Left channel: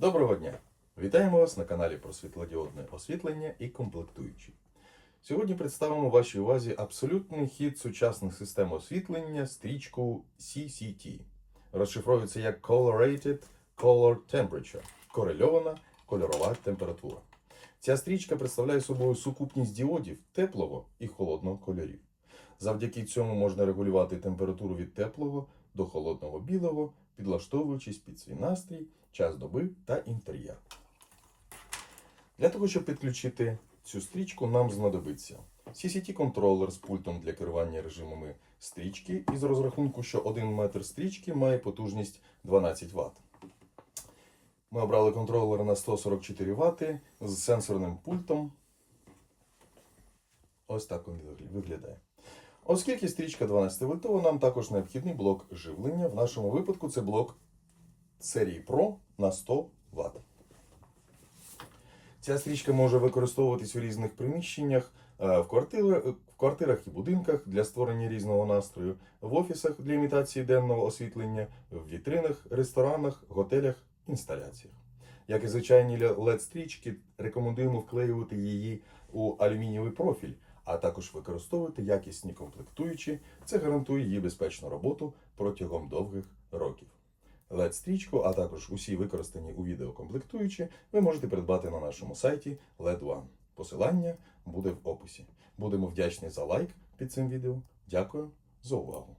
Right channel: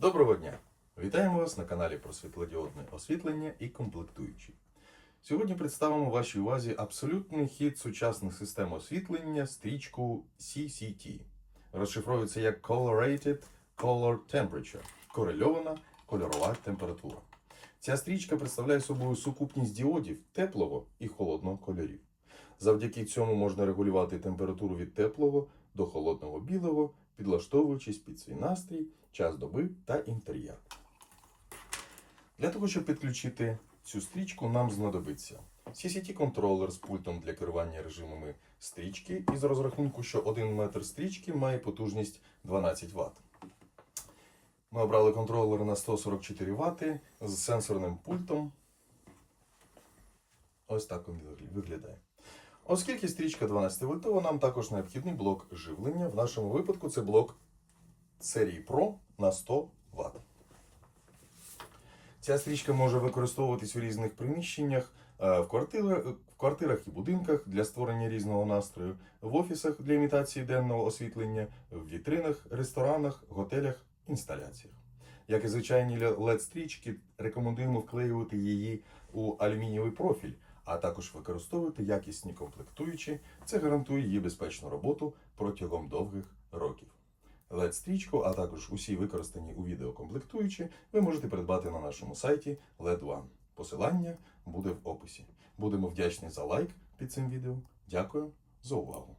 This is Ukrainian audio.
Доброго дня! Вітаємо вас на каналі про світлодіодне освітлення і комплектуючі. Сьогодні представимо вашій увазі абсолютний хід сучасних систем освітлення стрічку CCT. Розшифровується як Colorated Color Temperature корельована кольорова температура. Ця стрічка представляє собою сукупність діодів теплого і холодного. Завдяки цьому можна регулювати температуру від теплого до холодного білого, підлаштовуючись під свій настрій, час доби та інтер'єр. Для того, щоб підключити цю стрічку, нам знадобиться CCT-контролер з пультом для керування режимами стрічки із розрахунку, що 1 метр стрічки має потужність 12 Вт. Ми обрали контролер на 144 Вт з сенсорним пультом. Ось так він виглядає. Оскільки стрічка 12 вольтова, нам також необхідний блок живлення. В нашому випадку це блок серії Pro на 100 Вт. Ця стрічка може використовуватись у різних приміщеннях, е, в квартирах, в квартирах і будинках для створення різного настрою, в офісах для імітації денного освітлення, в вітринах, ресторанах, готелях, інсталяціях. Як і звичайні LED-стрічки, рекомендуємо вклеювати її у алюмінієвий профіль, а також використовувати якісні комплектуючі. Це гарантує її безпечну роботу протягом довгих років. LED-стрічку, а також усі використані у відео комплектуючі, ви можете придбати на нашому сайті LED One. Посилання буде в описі. Будемо вдячні за лайк під цим відео. Дякую за увагу!